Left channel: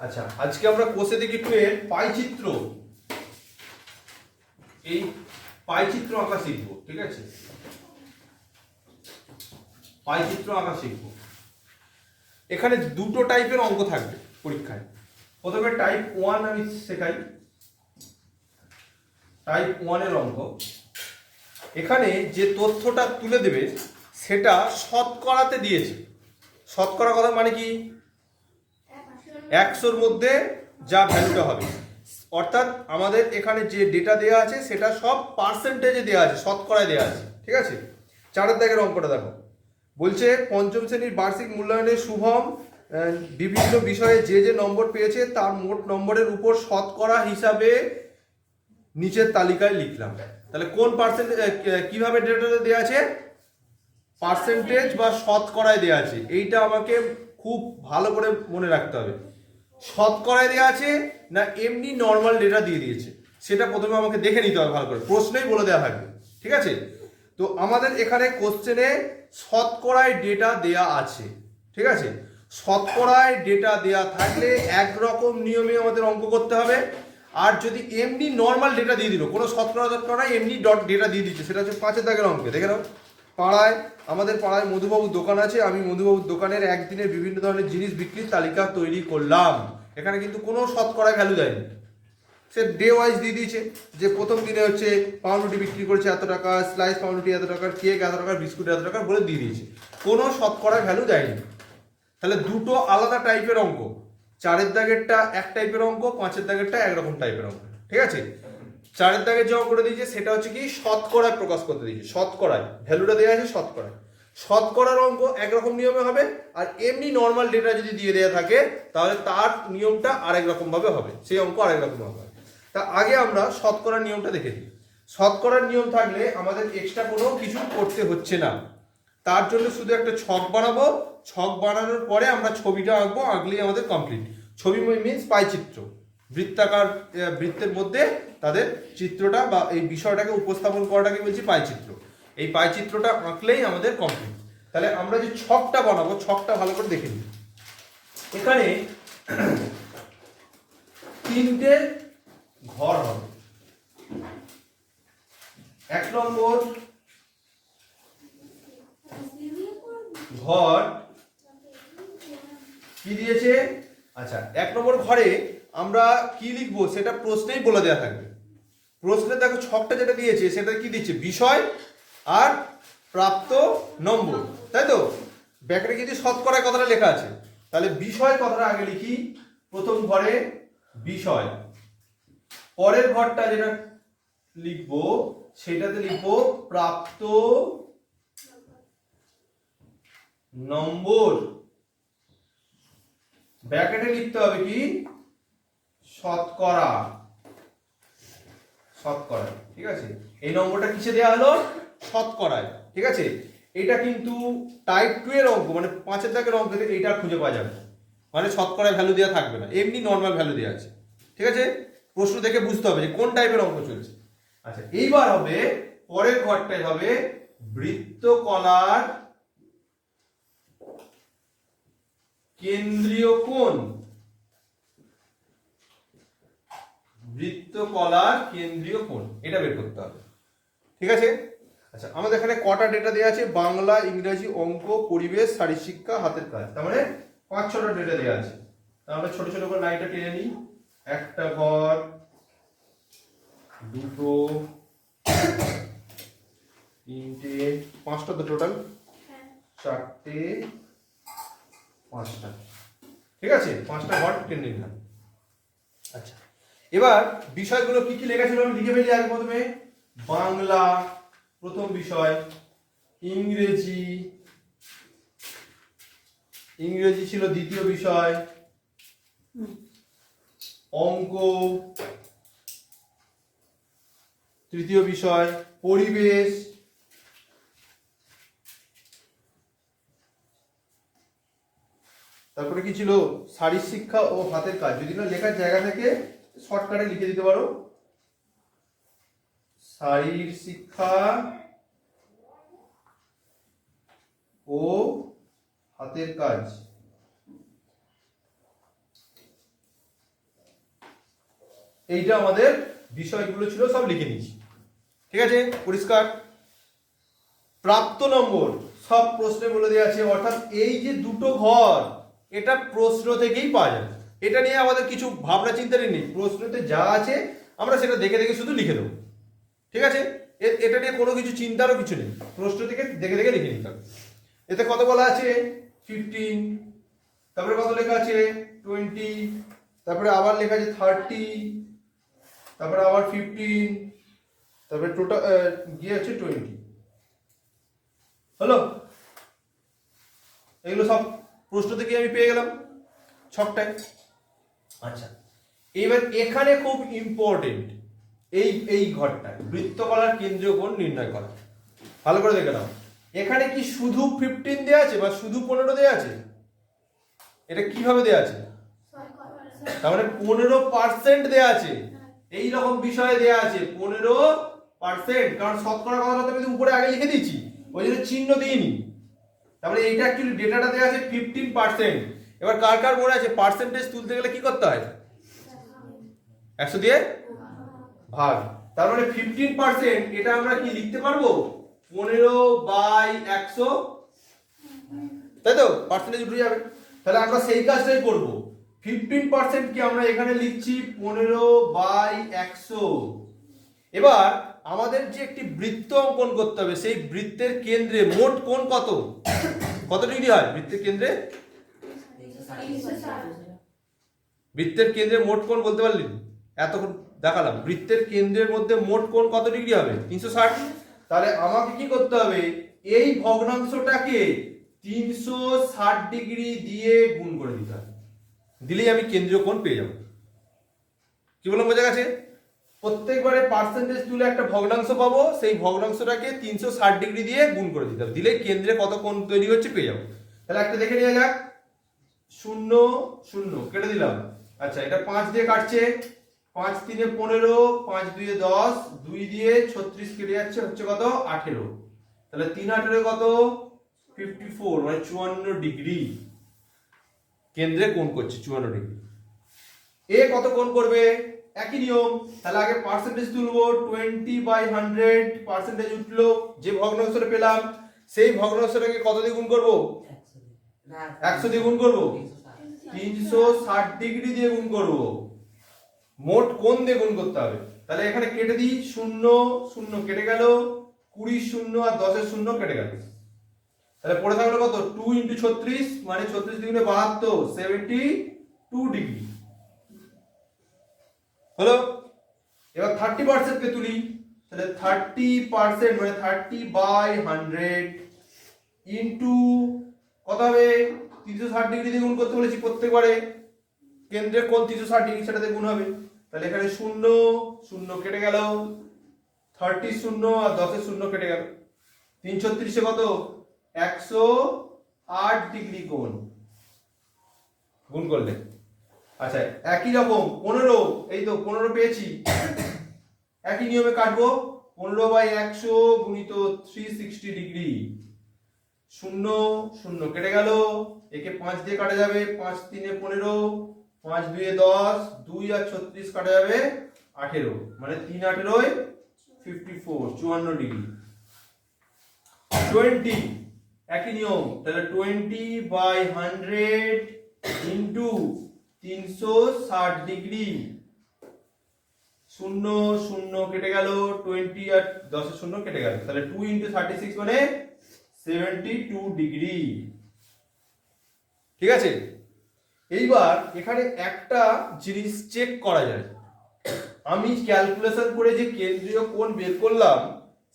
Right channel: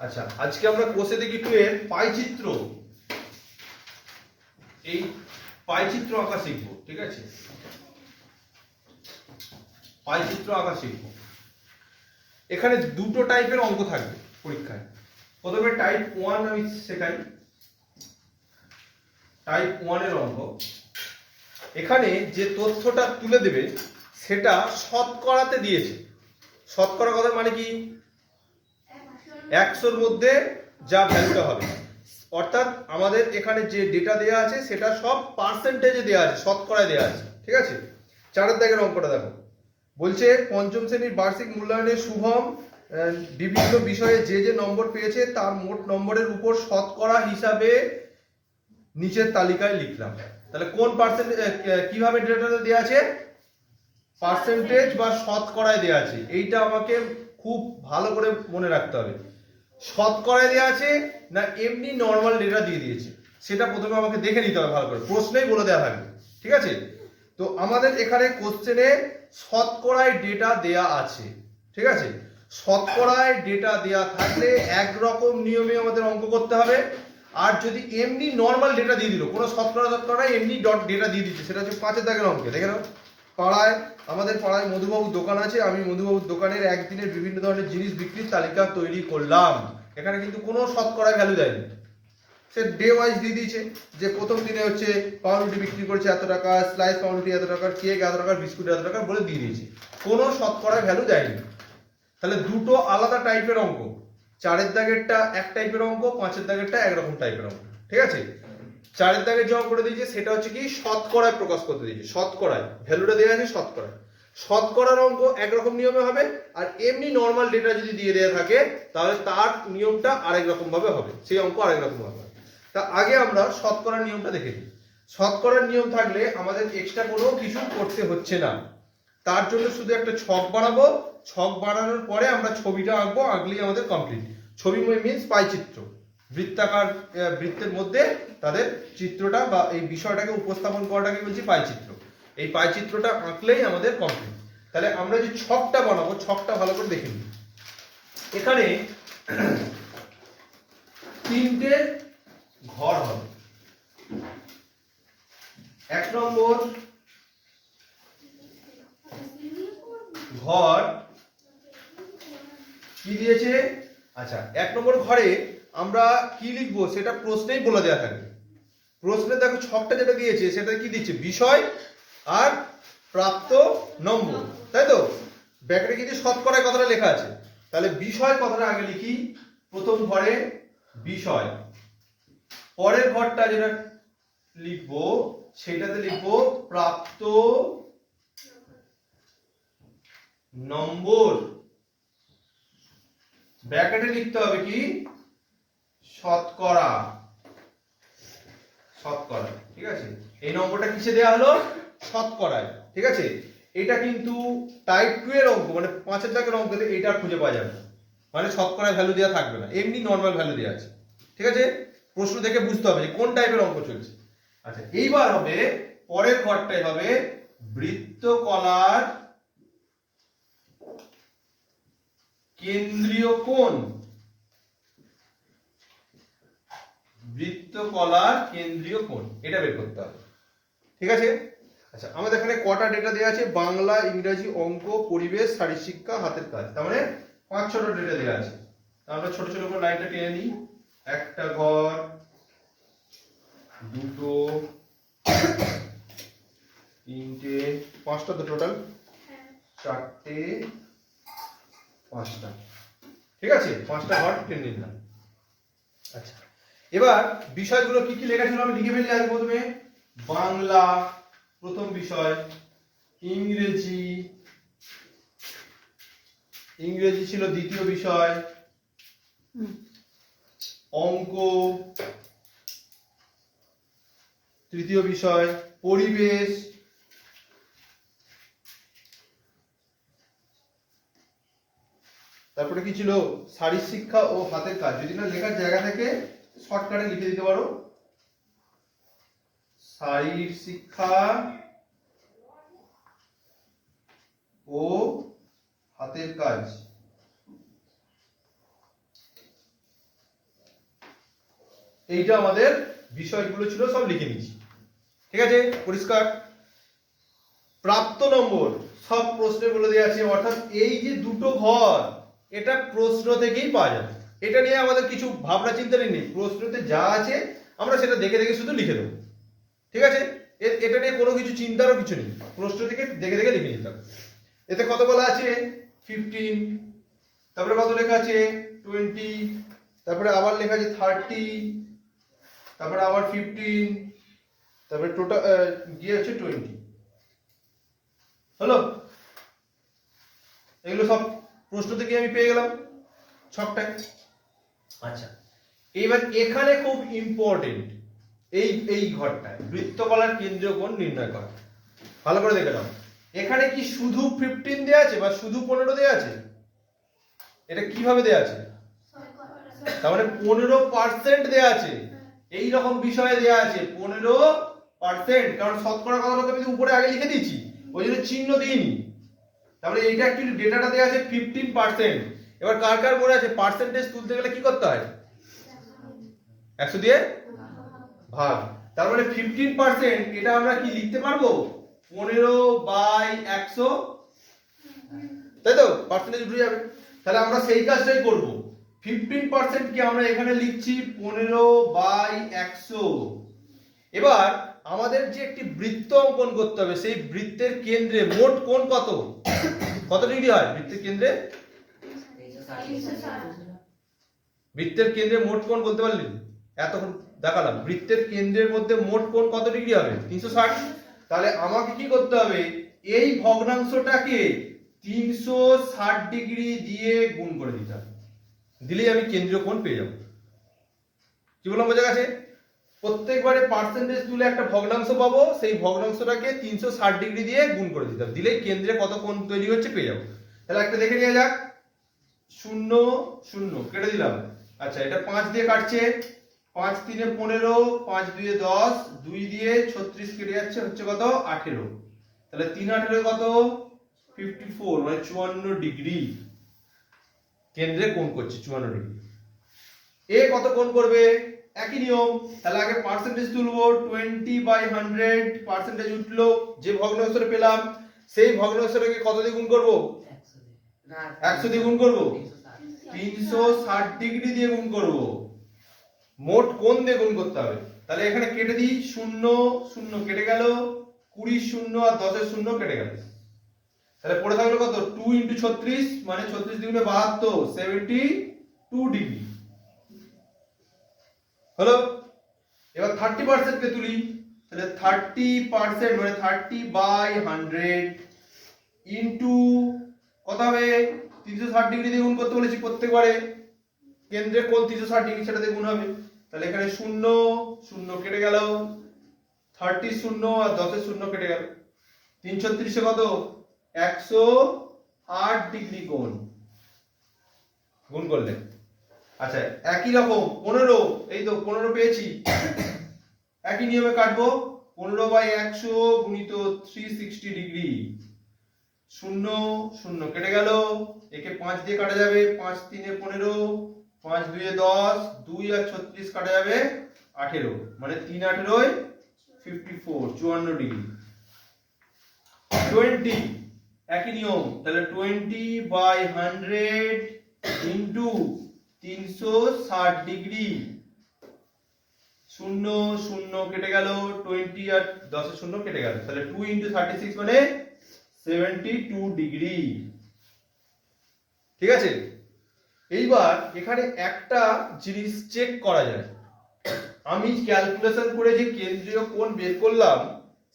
আচ্ছা, আজকে আমরা কোষে দেখি 2 এর পাইচিত্র, এই পাইচিত্র আঁকা শিখবো। ঠিক আছে, পাইচিত্র আঁকা শিখবো। এখানে দুটো টাইপের অঙ্ক থাকবে পরীক্ষায়। প্রথমে টাইপ 1 আমি শেখাই, টাইপ 1 এর অঙ্ক। এখানে যে তথ্যটা তুলে দেবে সেটা শতকরাতে দিয়েছে। শতকরা কথা মানে কি, 100-র মধ্যে যা ভ্যালুটা হবে, অর্থাৎ আমাদের এখানে যে ডেটা দেওয়া আছে সেটা সব পার্সেন্টেজে দেওয়া আছে, শতকরায় দেওয়া আছে। ঠিক আছে, 4 দাগের অঙ্কটা দেখো। বলছে পঞ্চম শ্রেণীর বার্ষিক মূল্যায়নে শুভম বিভিন্ন বিষয়ে যে যে নম্বর পেয়েছে তার মোট নম্বরের উপর শতকরা হিসাবে নিচের তালিকায় লিখলাম। তাহলে কোন পার্সেন্টেজ, কিভাবে ডেটাটা দেওয়া আছে, পার্সেন্টেজ বা শতকরায় দেওয়া আছে। এইটা আমাকে খুব ভালো করে মনে রাখতে হবে। শতকরায় দেওয়া আছে না এমনি নর্মাল ডেটা দিয়ে দিয়েছে, সেটা প্রথমে আমাকে দেখে নিতে হবে ভালো করে, প্রশ্নেই বলে দেওয়া থাকবে। ঠিক আছে, তো আমাদের এখানে কোশ্চেনে শতকরায় ডেটা দেয়া আছে। ঠিক আছে, শতকরায় ডেটা দেয়া থাকলে একরকম নিয়মে আমাদের অঙ্ক করতে হবে। আর যদি এমনি নর্মাল ডেটা দিয়ে দিল, কোনো শতকরা এমনি ডেটা দিয়ে দিচ্ছে, সেটা হচ্ছে 5 দাগের অঙ্কে। দেখে নাও, পাড়ায়, আমাদের পাড়ায় মধুবাবুর দোকান আছে, আমি মধুবাবুর দোকানের একদিনের বিভিন্ন ধরনের জিনিস বিক্রির তালিকা তৈরি করলাম। এখানে কিন্তু কোনো শতকরায় ভ্যালু দেয়নি, সে ডে ওয়াইজ দিয়ে দিয়েছে যে প্রথম দিনে হচ্ছে পাউরুটি বিক্রি করছে এত টাকা, স্লাইস পাউরুটি এত টাকার, কেক এত টাকার, বিস্কুট এত টাকার বলে দিয়ে দিয়েছে, কোনো শতকরায় ভ্যালু দেয়নি। তাহলে দুটো আলাদা টাইপের অঙ্ক, 4 দাগেরটা এক টাইপের অঙ্ক, 5 দাগেরটা একরকম টাইপের অঙ্ক। ঠিক আছে, 4 দাগের যে অঙ্কটা দিয়েছে সেটা হচ্ছে কি শতকরায় প্রকাশ করতে দিয়েছে, শতকরায় ভ্যালুটা দেওয়া আছে শতকরায়। শতকরার অঙ্ক একরকম নিয়মে হবে, আর এমনি নর্মাল ডেটা যদি দিয়ে দেওয়া থাকে তাহলে তার নিয়মটা আরেক রকম ভাবে হবে, সেই অঙ্ক আরেক রকম হবে। তা আগে আমরা শতকরার নিয়মটা দেখে নিই। শতকরার নিয়ম থাকলে আমাদের এক্সট্রা কোনো কিছু করতে হচ্ছে না, তার জন্য শুধু একটা ছক বানাবো, ছক বানানোর পরে আমরা ছবিটা আঁকবো, আঁকলেই আমাদের কমপ্লিট। ছবি মিনস পাইচিত্র, বৃত্তাকার বৃত্তের মধ্যে তাদের চিত্রটা বা এই বিষয়টাকে উপস্থাপন করাটাকে বলছি পাইচিত্র। এই পাইচিত্রটা আঁকলেই আমাদের কমপ্লিট। তাহলে আমরা যে ছকটা বানাবো, ছকটা ভালো করে দেখে নিই। এখানে 3টে ঘর হবে। 1 নম্বর ঘর কি দিয়েছে, আচ্ছা 1 নম্বর ঘরে আমরা কি লিখবো সেটা প্রশ্নেই বলে দেওয়া থাকবে। প্রশ্নে দেখো ছকটা যেটা দিয়েছে সেটা কি দিচ্ছে, বিষয় আর প্রাপ্ত নম্বর, তাই তো। ব্যাকেটে কিন্তু শতকরায় কথাটা লেখা আছে, তাহলে বিষয় কথাটা আগে লিখি। প্রথম ঘরে বিষয়, পরের ঘরটা যেটা লিখবো সেটাতে লিখবো প্রাপ্ত নম্বর। ব্র্যাকেটে লিখতে হবে কি, শতকরা, শতকরা। ঠিক আছে, এই নম্বরটা কিসে দেওয়া হলো, শতকরায়। ঠিক আছে, এটা কিন্তু টাইপ 2 এর অঙ্ক, মানে 5 দাগের অঙ্ক থেকে এইটা খুঁজে পাওয়া যাবে, মানে শতকরায় ভ্যালু দেওয়া থাকবে না, এমনি নর্মাল ভ্যালু দেওয়া আছে। ঠিক আছে, প্রশ্ন দেখে বুঝতে হবে যে কোন টাইপের অঙ্ক চলছে। আচ্ছা, এইবার হবে পরের ঘরটাই হবে বৃত্তকলার কেন্দ্রীয় কোণ, বৃত্তকলার কেন্দ্রীয় কোণ, এটা বের করতে হবে। ঠিক আছে, আচ্ছা আমাদের এখানে কটা ডেটা দেওয়া আছে, বাংলা, ইংরেজি, অঙ্ক, পরিবেশ, শারীরশিক্ষা, হাতের কাজ, তার মানে 5-6টা ডেটা দেওয়া আছে। আমরা ছোট ছোট করে লাইনটা টেনে নিই। একটা ঘর, দুটো, 3টে, 5টা তো টোটাল, 4টে, 5টা। ঠিক আছে, 5টা ঘর টেনে নিলাম। আচ্ছা, এবার বিষয়গুলো কি কি লেখা ছিল আমি লিখে ফেলি আগে। প্রথমে বাংলা প্রথম বিষয়, ইংরেজি, ইংরেজি ছিল দ্বিতীয় বিষয়, অঙ্ক তৃতীয় বিষয়, পরিবেশ, তারপরে কি ছিল, শারীরশিক্ষা ও হাতের কাজ। যদি না লেখার জায়গা থেকে শর্টকাটে লিখে দিতে পারো, শারীরশিক্ষা ও হাতের কাজ। এইটা আমাদের বিষয়গুলো ছিল, সব লিখে নিয়েছি। ঠিক আছে, পরিষ্কার? প্রাপ্ত নম্বর সব প্রশ্নে বলে দেওয়া আছে, অর্থাৎ এই যে দুটো ঘর এটা প্রশ্ন থেকেই পাওয়া যাবে, এটা নিয়ে আমাদের কিছু ভাবনা চিন্তারই নেই, প্রশ্নতে যা আছে আমরা সেটা দেখে দেখে শুধু লিখে দেবো। ঠিক আছে, এটা নিয়ে কোনো কিছু চিন্তারও কিছু নেই, প্রশ্ন থেকে দেখে দেখে লিখে নিতে হবে। এতে কত বলা আছে? 15, তারপরে কত লেখা আছে? 20, তারপরে আবার লেখা আছে 30, তারপরে আবার 15, তারপরে টোটাল গিয়ে আছে 20। হলো? এগুলো সব প্রশ্ন থেকে আমি পেয়ে গেলাম ছকটায়। আচ্ছা, এবার এখানে খুব ইম্পর্টেন্ট এই ঘরটায় বৃত্তকলার কেন্দ্রীয় কোণ নির্ণয় করা। ভালো করে দেখে নাও, এখানে কি শুধু 15 দেয়া আছে বা শুধু 15 দেয়া আছে? এটা কিভাবে দেয়া আছে? তার মানে 15% দেয়া আছে, এই রকম বিষয়ে দেয়া আছে 15%, কারণ শতকরা কথাটা আমি উপরে আগে লিখে দিয়েছি, ওই জন্য চিহ্ন দিইনি। তারপরে এইটা অ্যাকচুয়ালি ডেটাটা দেয়া আছে 15%। এবার কার কার মনে আছে পার্সেন্টেজ তুলতে গেলে কি করতে হয়? 100 দিয়ে ভাগ। তার মানে 15%, এটা আমরা কি লিখতে পারবো? 15/100, তাই তো? পার্সেন্টেজ উঠে যাবে, তাহলে আমরা সেই কাজটাই করব। 15% কি আমরা এখানে লিখছি 15/100। এবার আমাদের যে একটি বৃত্ত অঙ্কন করতে হবে, সেই বৃত্তের কেন্দ্রে মোট কোণ কত কত ডিগ্রি হয়? বৃত্তের কেন্দ্রে বৃত্তের কেন্দ্রে মোট কোণ বলতে পারলি? এতক্ষণ দেখালাম বৃত্তের কেন্দ্রের মধ্যে মোট কোণ কত ডিগ্রি হবে? 360। তাহলে আমাকে কি করতে হবে? এই ভগ্নাংশটাকে 360 ডিগ্রি দিয়ে গুণ করে দিতে হবে, দিলেই আমি কেন্দ্রীয় কোণ পেয়ে যাব। কি বললাম, বোঝা গেছে? প্রত্যেকবারে পার্সেন্টেজ তুলে একটা ভগ্নাংশ পাবো, সেই ভগ্নাংশটাকে 360 ডিগ্রি দিয়ে গুণ করে দিতে হবে, দিলেই কেন্দ্রে কত কোণ তৈরি হচ্ছে পেয়ে যাবো। তাহলে একটা দেখে নিয়ে যাক, 0 0 কেটে দিলাম। আচ্ছা, এটা 5 দিয়ে কাটছে, 5 3 15, 5 2 10, 2 দিয়ে 36 কেটে যাচ্ছে, হচ্ছে কত? 18। তাহলে 3 18 কত? 54, মানে 54 ডিগ্রি কেন্দ্রে কোণ করছে 54 ডিগ্রি। এ কত কোণ করবে? একই নিয়ম, তাহলে আগে পার্সেন্টেজ তুলবো, 20/100 পার্সেন্টেজ উঠলো, যে ভগ্নাংশটা পেলাম সেই ভগ্নাংশটাকে কত দিয়ে গুণ করবো? 100 দিয়ে গুণ করবো, 360 ডিগ্রি দিয়ে গুণ করবো, মোট কোণ দিয়ে গুণ করতে হবে। তাহলে এখানে কেটে দিই, 0 0 কেটে গেল, 20 0 আর 10 0 কেটে গেল, তাহলে পড়ে থাকলো কত? 2 × 36, মানে 36 দুগুণে 72, 72 ডিগ্রি হলো। এবার 30% কে তুলি, তাহলে 30% মানে 30/100 ইনটু কত হবে? 360 ডিগ্রি দিয়ে গুণ করতে বলেছি, প্রত্যেকবারে কেন্দ্রের কোণ 360 ডিগ্রি, সেটাতে গুণ হবে। তাহলে এখানে 0 0 কেটে গেল, 30 0 আর 10 0 কেটে গেল, 336 কত? 108 ডিগ্রি কোণ গুণ করলে। আচ্ছা, একই রকম 15, এই তো 15 পেয়েছি, একই নিয়মে কাটবো, 15/100 গুণিত 360 ডিগ্রি, 0 0 কেটে গেল, একে 5 দিয়ে কাটা যাবে, 5 3 15, 5 2 10, 2 আর 36 কাটা যাবে 18, মানে 3 18 54, 54 ডিগ্রি। 20, একই নিয়ম, তাহলে 20/100 ইন্টু 360 ডিগ্রি, 0 0 কেটে গেল, 20 আর 10 0 কেটে গেল, তাহলে 2 × 36 মানে 72 ডিগ্রি। ঠিক আছে, এইবার এখানে একটা জিনিস চেক করা যায়, আমি ক্যালকুলেশন করে যে কেন্দ্রীয় কোণ বের করলাম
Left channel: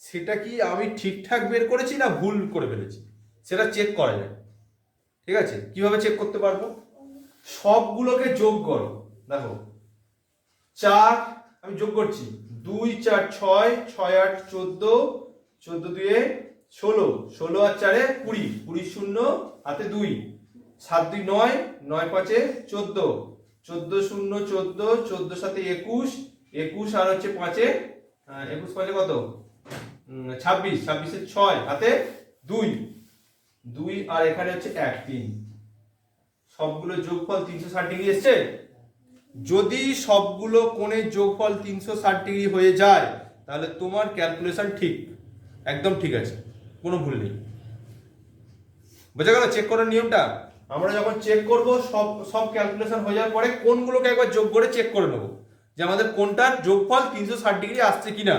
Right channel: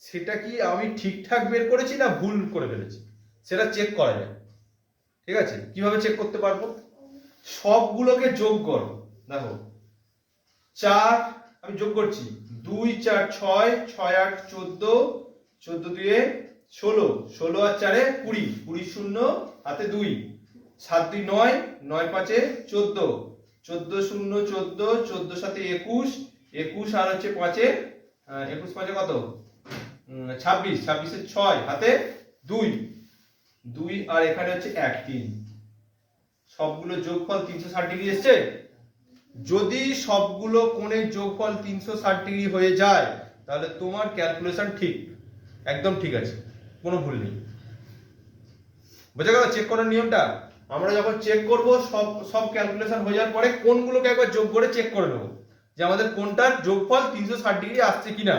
সেটা কি আমি ঠিকঠাক বের করেছি না ভুল করে ফেলেছি, সেটা চেক করা যায়। ঠিক আছে, কিভাবে চেক করতে পারবো? সবগুলোকে যোগ করো, দেখো 4 আমি যোগ করছি, 2 4 6, 6 8 14, 14 2 16, 16 আর 4 20, 20 0 হাতে 2, 7 2 9, 9 5 14, 14 0 14, 14 সাথে 21, 21 আর হচ্ছে 5 21 5 কত? 26, 26 6 হাতে 2, 2 আর এখানে হচ্ছে 1 3, সবগুলো যোগফল 360 ডিগ্রি এসছে। যদি সবগুলো কোণের যোগফল 360 ডিগ্রি হয়ে যায় তাহলে তোমার ক্যালকুলেশন ঠিক, একদম ঠিক আছে, কোনো ভুল নেই। বোঝা গেল চেক করার নিয়মটা? আমরা যখন চেক করব সব সব ক্যালকুলেশন হয়ে যাওয়ার পরে কোণগুলোকে একবার যোগ করে চেক করে নেব যে আমাদের কোণটার যোগফল 360 ডিগ্রি আসছে কিনা।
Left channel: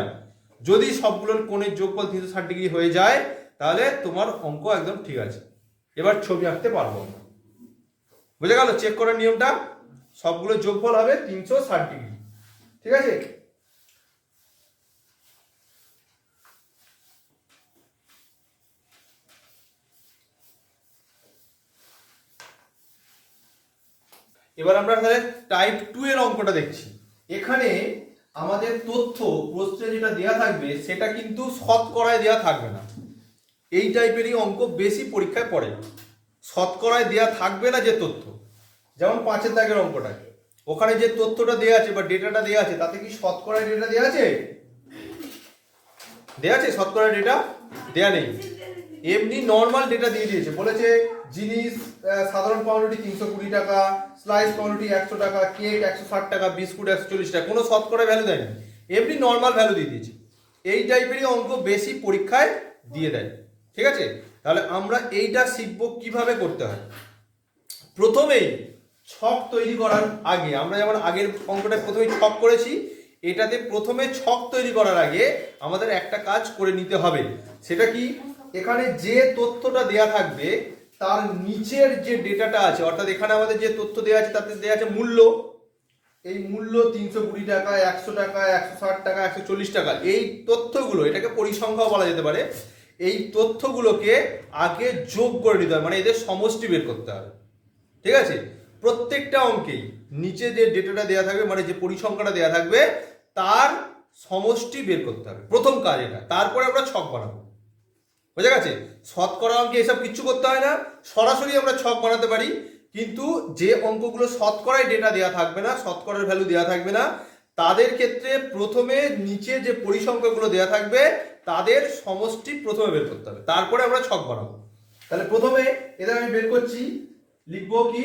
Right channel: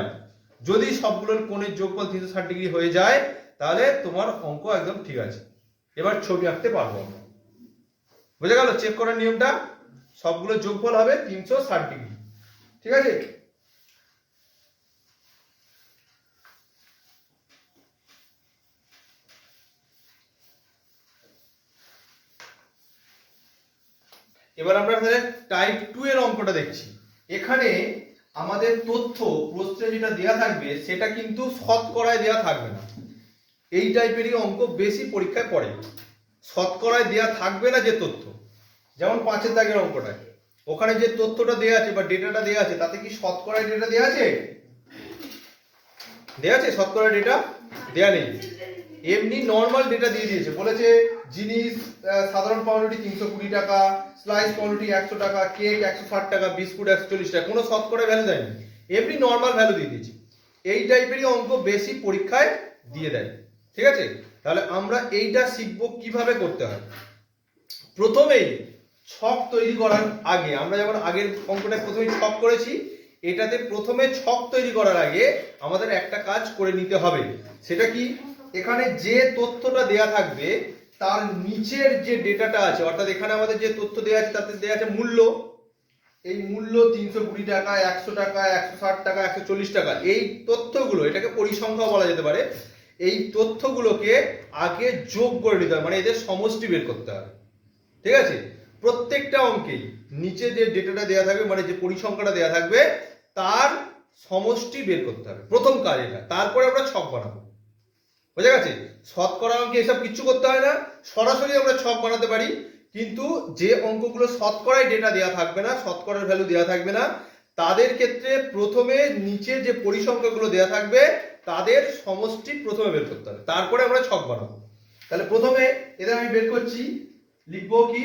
যদি সবগুলোর কোণের যোগফল 360 ডিগ্রি হয়ে যায় তাহলে তোমার অঙ্ক একদম ঠিক আছে, এবার ছবি আঁকতে পারবো। বোঝা গেল চেক করার নিয়মটা? সবগুলো যোগফল হবে 360 ডিগ্রি, ঠিক আছে? এবার আমরা তাহলে টাইপ 2 এর অঙ্কটা দেখছি। এখানে আমাদের তথ্য প্রশ্নে যেটা দেয়া থাকবে সেটা কিন্তু শতকরায় দেয়া থাকবে না। এই টাইপেরই অঙ্ক বেশি পরীক্ষায় পড়ে। শতকরায় দেয়া থাকবে না যে তথ্য, যেমন 5 দাগের অঙ্কটা, ওখানে যে তথ্যটা দেয়া আছে বা ডেটাটা দেয়া আছে তাতে কি শতকরায় ডেটা দেয়া আছে? দেয়া আছে? শতকরা ডেটা দেয়া নেই, এমনি নর্মাল ডেটা দিয়ে দিয়েছে। বলেছে জিনিস সাধারণ পাউরুটি 320 টাকা, স্লাইস পাউরুটি 100 টাকা, কেক 160 টাকা, বিস্কুট 140 টাকা, কোনো শতকরা ভ্যালু দেয়নি, এমনি নর্মাল ভ্যালু দিয়ে দিয়েছে। এই টাইপেরই অঙ্ক বেশি পরীক্ষায় দিয়ে দেয়, ঠিক আছে? তাহলে আমরা এইটা শিখবো কিভাবে করতে হয়। প্রথমেই ছক তৈরি করার আগে, আমরা যেমন আগের অঙ্কটা প্রথমে ছক করেছি, এটাতে প্রথমে ছক তৈরি করার আগে আমাদের একটা কাজ করে নিতে হবে। সেটা কি? এখানে যে তথ্যটা দেয়া থাকবে তার নিচের যে ডেটাটা আছে, অর্থাৎ এখানে আমাদের যে তথ্য দেয়া আছে তাতে দেয়া আছে মূল্য। এই মূল্য 320 টাকা, 100 টাকা, 160 টাকা, 140 টাকা, এই তথ্যগুলো, এটাকে পরিসংখ্যাও বলা যেতে পারে, এই তথ্যগুলোকে আগে যোগ করে নিতে হবে, মানে এদের সমষ্টি বের করতে হবে, ঠিক আছে? প্রত্যেকটা অঙ্কেই নিচে যে ডেটাটা দেওয়া থাকবে, মানে যে পরিসংখ্যাটা দেওয়া থাকবে তার সমষ্টি বের করতে হবে, প্রথম কাজ এটা। তারপরে আমরা ছক বানাবো। বোঝা গেছে? শতকরা অঙ্কে এসব কিচ্ছু করতে হয় না, সরাসরি আমরা ছক বানাতে পারি। কিন্তু যে অঙ্কগুলো শতকরায় ডেটা দেওয়া থাকবে না, শতকরার ভ্যালু দেওয়া থাকবে না, তাদের ক্ষেত্রে প্রথমে নিচে যে পরিসংখ্যাগুলো দেওয়া থাকবে তাদের সমষ্টি প্রথমে বের করতে হবে, তারপরে আমরা ছক বানাবো। তাহলে প্রথমে এদের আমি বের করছি, লিখবো কি?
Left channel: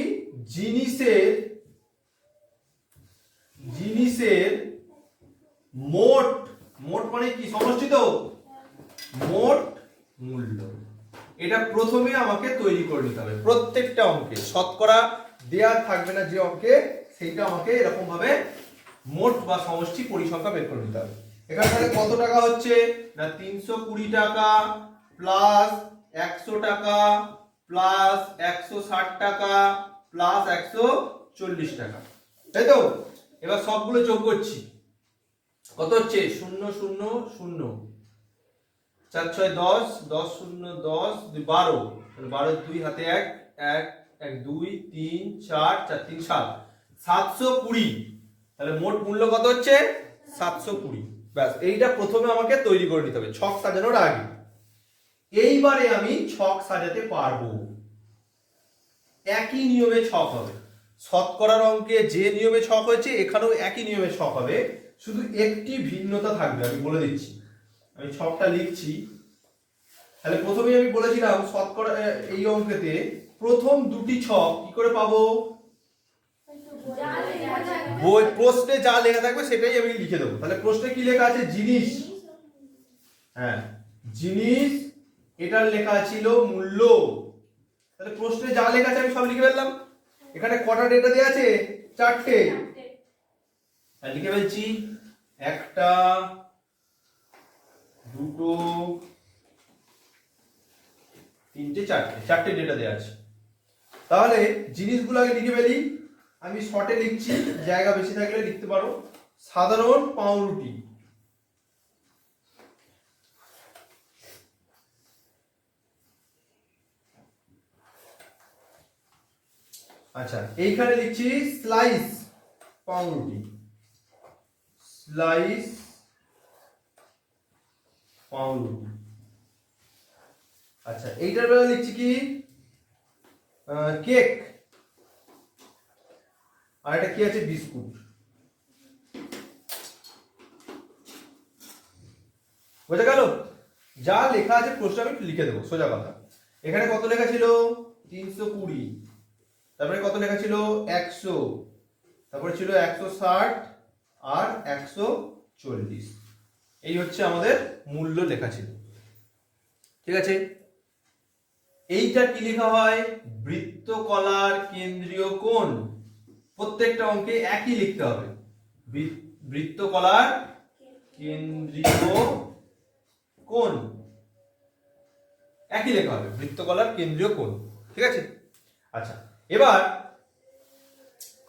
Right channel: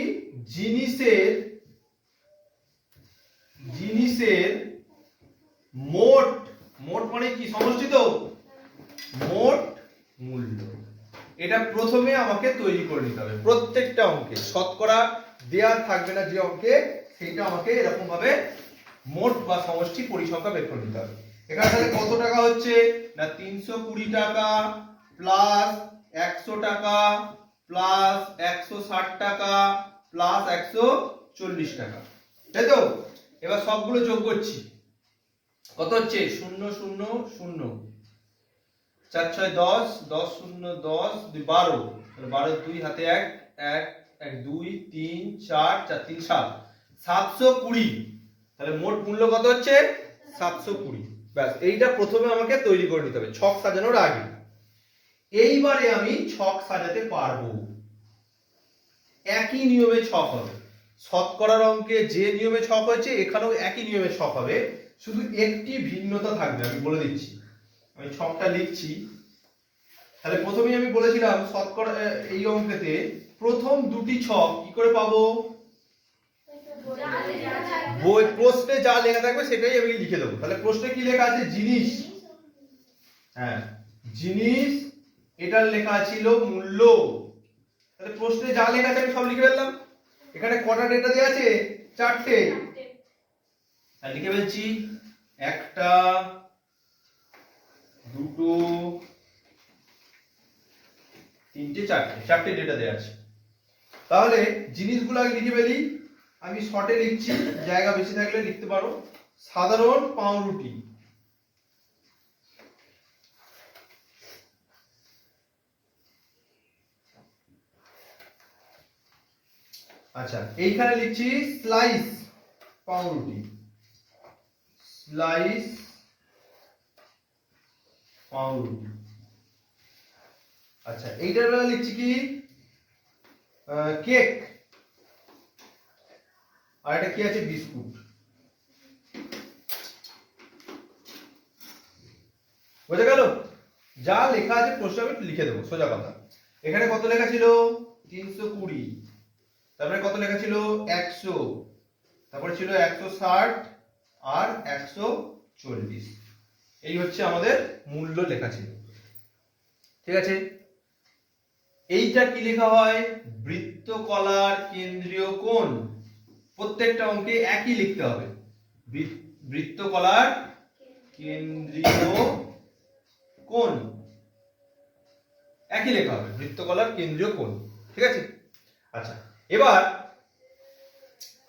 জিনিসের মোট, মোট মানে কি? সমষ্টি তো, মোট মূল্য। এটা প্রথমে আমাকে তৈরি করে নিতে হবে প্রত্যেকটা অঙ্কে। শতকরা দেয়া থাকবে না যে অঙ্কে, সেইটা আমাকে এরকম ভাবে মোট বা সমষ্টি পরিসংখ্যা বের করে নিতে হবে। এখানে তাহলে কত টাকা হচ্ছে না 320 টাকা প্লাস 100 টাকা প্লাস 160 টাকা প্লাস 140 টাকা, তাই তো? এবার সবগুলো যোগ করছি, কত হচ্ছে? 0 0 0, 4 6 10, 10 0 10, 12, 12 2 হাতে 1 1 1 2 3 4 4 3 7, 720। তাহলে মোট মূল্য কত হচ্ছে? 720। ব্যাস, এইটা প্রথমে আমাকে তৈরি করে নিতে হবে ছক সাজানোর আগে। এইবারে আমি ছক সাজাতে পারবো, একই নিয়মে ছক হবে। শতকরার অঙ্কে যে নিয়মে ছক হয়েছে এখানেও একই নিয়মে ছক হবে, শুধু একটি ভিন্নতা থাকবে, আমি বলে দিচ্ছি। আমি ছকটা লিখছি। তাহলে প্রথমেই আমি বলেছিলাম শতকরা এই অঙ্কেতে প্রথম দুটি ছক কি করে পাবো? বই প্রশ্নে যা লেখা থাকবে সেটাই আমি লিখে দেবো। তাহলে প্রশ্নে কি লেখা আছে? জিনিস, হ্যাঁ জিনিস, এটার লেখা ছিল মূল্য। তাহলে প্রশ্নে যা লেখা আছে আমি সব লিখে ফেললাম। এখানে কটা ডেটা দেওয়া আছে? 4টে। লিখে ফেলছি, একটা, দুটো, তিনটে, চারটে ডেটা দেওয়া আছে। তাহলে জিনিসগুলো আগে লিখে ফেলি। আমি শর্টে লিখছি, জায়গা বেশি থাকলে লিখতে পারো। সাধারণ পাউরুটি, আচ্ছা এইখানে লিখছি স্লাইস পাউরুটি, স্লাইস পাউরুটি। আচ্ছা এইটার বেলা লিখছি কি? কেক। আর এটা কি আছে? বিস্কুট। বোঝা গেল? যা লেখা আছে প্রশ্ন আমি লিখে দেবো, সোজা কথা। এখানে কত লেখা ছিল? 320। তারপরে কত লেখা ছিল? 100। তারপরে ছিল 160 আর 140। এই হচ্ছে আমাদের মূল্য লেখা ছিল। ঠিক আছে, এইটা কি লেখা হয়? বৃত্তকলার কেন্দ্রীয় কোণ। প্রত্যেকটা অঙ্কে একই লিখতে হবে, বৃত্তকলার কেন্দ্রীয় কোণ একই লেখা হবে, বৃত্তকলার কেন্দ্রীয় কোণ। ঠিক আছে, আচ্ছা এবার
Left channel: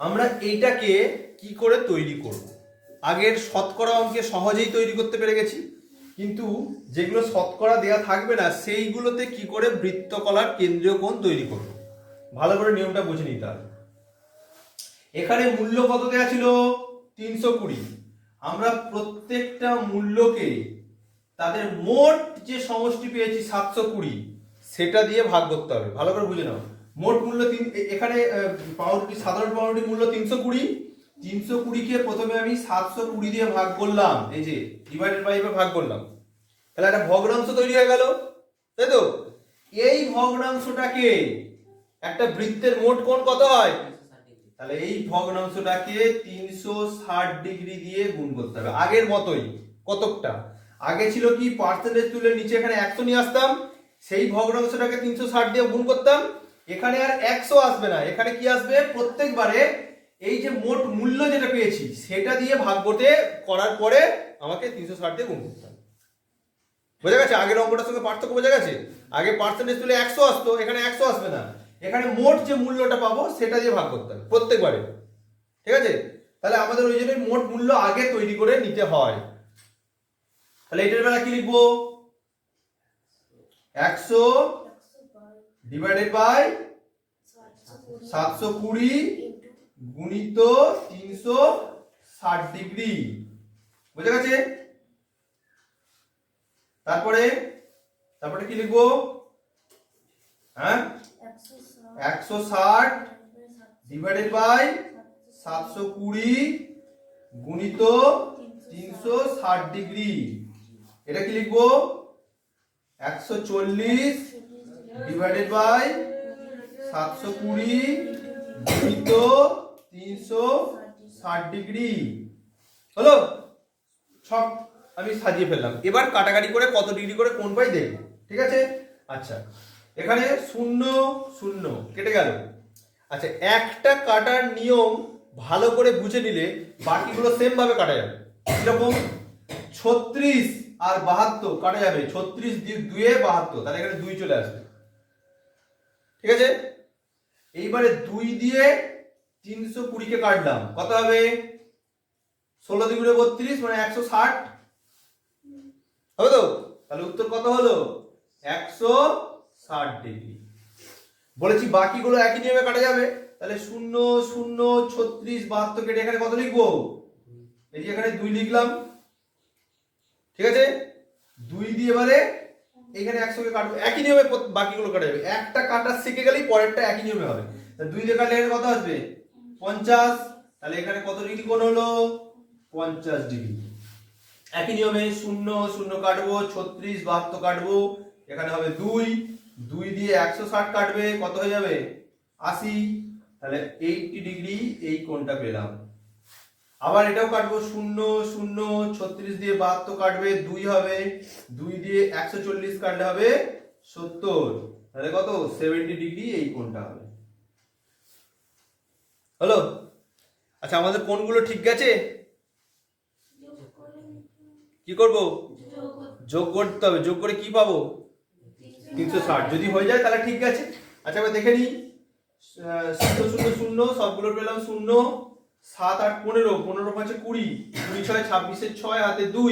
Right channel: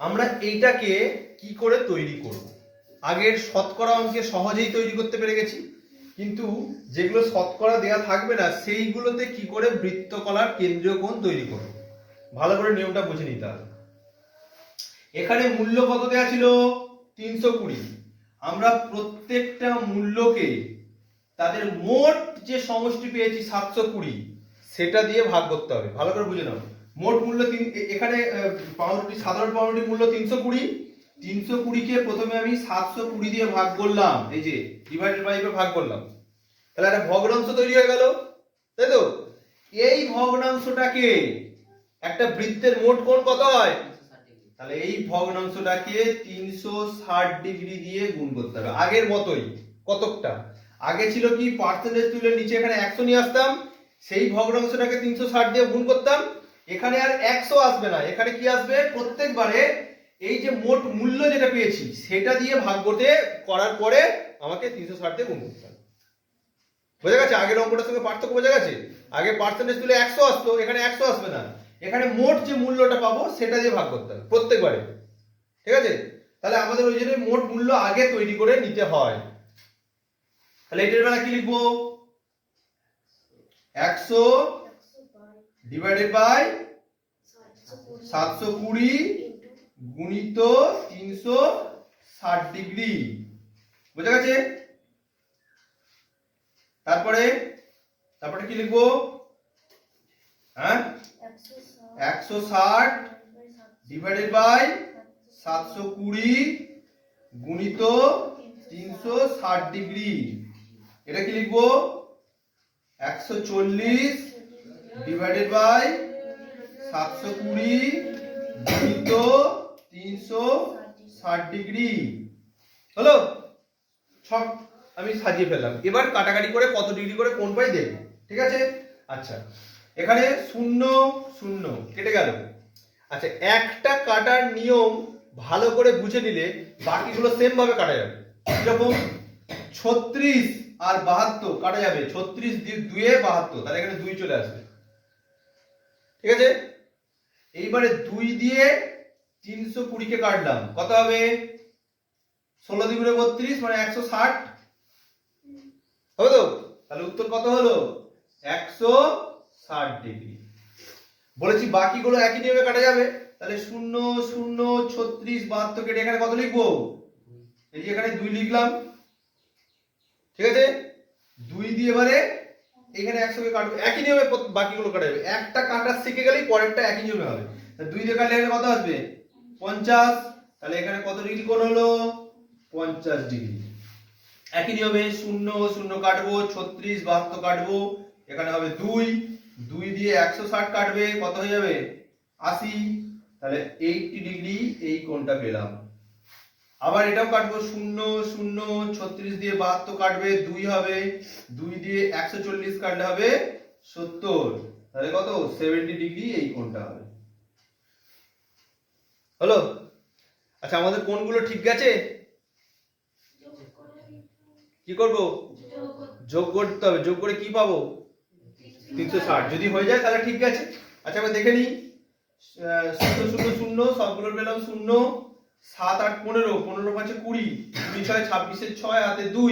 আমরা এইটাকে কি করে তৈরি করব? আগের শতকরা অঙ্কে সহজেই তৈরি করতে পেরে গেছি, কিন্তু যেগুলো শতকরা দেয়া থাকবে না সেইগুলোতে কি করে বৃত্তকলার কেন্দ্রীয় কোণ তৈরি করব, ভালো করে নিয়মটা বুঝে নিতে হবে। এখানে মূল্য কত দেয়া ছিল? 320। আমরা প্রত্যেকটা মূল্যকে তাদের মোট যে সমষ্টি পেয়েছি 720, সেটা দিয়ে ভাগ করতে হবে। ভালো করে বুঝে নাও, মোট মূল্য এখানে পাউরুটি, সাধারণ পাউরুটি মূল্য 320। 320কে প্রথমে আমি 720 দিয়ে ভাগ করলাম, এই যে ডিভাইডেড বাই ভাগ করলাম, তাহলে একটা ভগ্নাংশ তৈরি হয়ে গেল, তাই তো? এই ভগ্নাংশটাকে একটা বৃত্তের মোট কোণ কত হয়? তাহলে এই ভগ্নাংশটাকে 360 ডিগ্রি দিয়ে গুণ করতে হবে, আগের মতোই। কতকটা আগে ছিল কি, পার্সেন্টেজ তুলে নিচে এখানে 100 নিয়ে আসতাম, সেই ভগ্নাংশটাকে 360 দিয়ে গুণ করতাম। এখানে আর 100 আসবে না, এখানে কি আসবে? প্রত্যেকবারে এই যে মোট মূল্য যেটা পেয়েছি সেটা দিয়ে ভাগ করতে করার পরে আমাকে 360 দিয়ে গুণ করতে হবে। বোঝা গেছে? আগের অঙ্কটার সঙ্গে পার্থক্য বোঝা গেছে? আগে পার্সেন্টেজ তুলে 100 আসতো, এখানে 100 আসবে না, এখানে মোট যে মূল্যটা পাবো সেটা দিয়ে ভাগ করতে হবে প্রত্যেকবারে। ঠিক আছে, তাহলে আমাদের ওই জন্য মোট মূল্য আগে তৈরি করে নিতে হয়। তাহলে এটার বেলা কি লিখবো? 100 ডিভাইডেড বাই 720 গুণিত 360 ডিগ্রি। বুঝা গেছে? তারপরে কি লিখবো? হ্যাঁ, 160 ডিভাইডেড বাই 720 গুণিত 360 ডিগ্রি। এটা কি লিখবো? 140 ডিভাইডেড বাই 720 গুণিত 360 ডিগ্রি। হলো? সব আমি সাজিয়ে ফেললাম। এবার কাটাকাটি করে কত ডিগ্রি করে কোণ পাই দেখব। ঠিক আছে, আচ্ছা এখানে 0 0 কেটে গেল। আচ্ছা, একটা কাটার নিয়ম ভালো করে বুঝে নিলে বাকিগুলো সেম ভাবে কাটা যাবে। কিরকম? 36 আর 72 কাটা যাবে, 36 2 এ 72, তাহলে এখানে 2 চলে আসবে। ঠিক আছে, এইবারে 2 দিয়ে 320 কে কাটলাম, কত হবে? 16 দ্বিগুণে 32 মানে 160 হবে তো? তাহলে উত্তর কত হলো? 160 ডিগ্রি। বলেছি বাকিগুলো একই নিয়মে কাটা যাবে, তাহলে 0 0 36 72 কেটে এখানে কত লিখবো? এই যে এখানে 2 লিখলাম। ঠিক আছে, 2 দিয়ে এবারে এখানে 100 কে কাটবো, একই নিয়মে বাকিগুলো কাটা যাবে। একটা কাটা শিখে গেলেই পরেরটা একই নিয়মে হবে। 2 দিয়ে কাটলে এখানে কত আসবে? 50। তাহলে এখানে কত ডিগ্রি কোণ হলো? 50 ডিগ্রি। একই নিয়মে 0 0 কাটবো, 36 72 কাটবো, এখানে হবে 2 দিয়ে 160 কাটবে, কত হয়ে যাবে? 80। তাহলে 80 ডিগ্রি এই কোণটা পেলাম। আবার এটাও কাটবো, 0 0 36 দিয়ে 72 কাটবে, 2 হবে, 2 দিয়ে 140 কাটলে হবে 70, তাহলে কত? 70 ডিগ্রি এই কোণটা হবে। হলো? আচ্ছা, আমাদের কোণগুলো ঠিক আছে? কি করব? যোগ করতে হবে। যোগ করে কি পাবো? 360। যদি হয়ে যায় তাহলে ঠিক আছে। আচ্ছা, আমরা দেখে নিই। 0 0 0 সবগুলো পেলাম 0, 7 8 15, 15 5 20, 2 6 26 এর 6 হাতে 2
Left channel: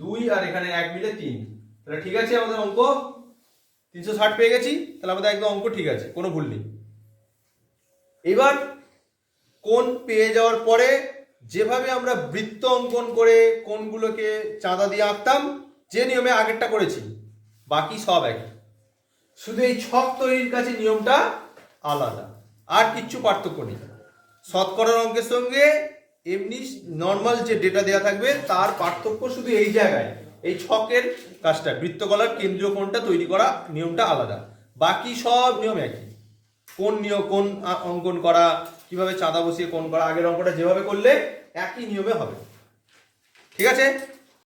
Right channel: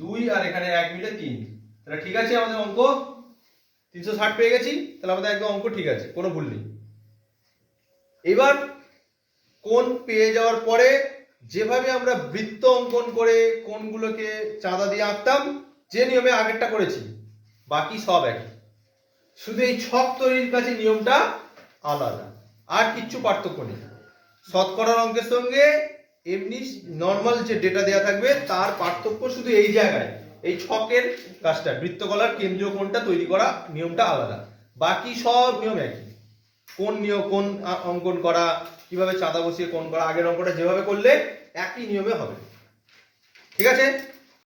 2 আর এখানে 1 মিলে 3। তাহলে ঠিক আছে, আমাদের অঙ্ক 360 পেয়ে গেছি। তাহলে আমাদের একদম অঙ্ক ঠিক আছে, কোনো ভুল নেই। এবার কোণ পেয়ে যাওয়ার পরে যেভাবে আমরা বৃত্ত অঙ্কন করে কোণগুলোকে চাঁদা দিয়ে আঁকতাম, যে নিয়মে আগেরটা করেছি, বাকি সব একই, শুধু এই ছক তৈরির কাছে নিয়মটা আলাদা, আর কিচ্ছু পার্থক্য নেই। শতকরার অঙ্কের সঙ্গে এমনি নর্মাল যে ডেটা দেওয়া থাকবে তার পার্থক্য শুধু এই জায়গায়, এই ছকের কাজটা, বৃত্তকলার কেন্দ্রীয় কোণটা তৈরি করা নিয়মটা আলাদা, বাকি সব নিয়ম একই। কোন নিয়ম, কোন অঙ্কন করা, কিভাবে চাঁদা বসিয়ে কোণ করা, আগের অঙ্কটা যেভাবে করলে একই নিয়মে হবে। ঠিক আছে।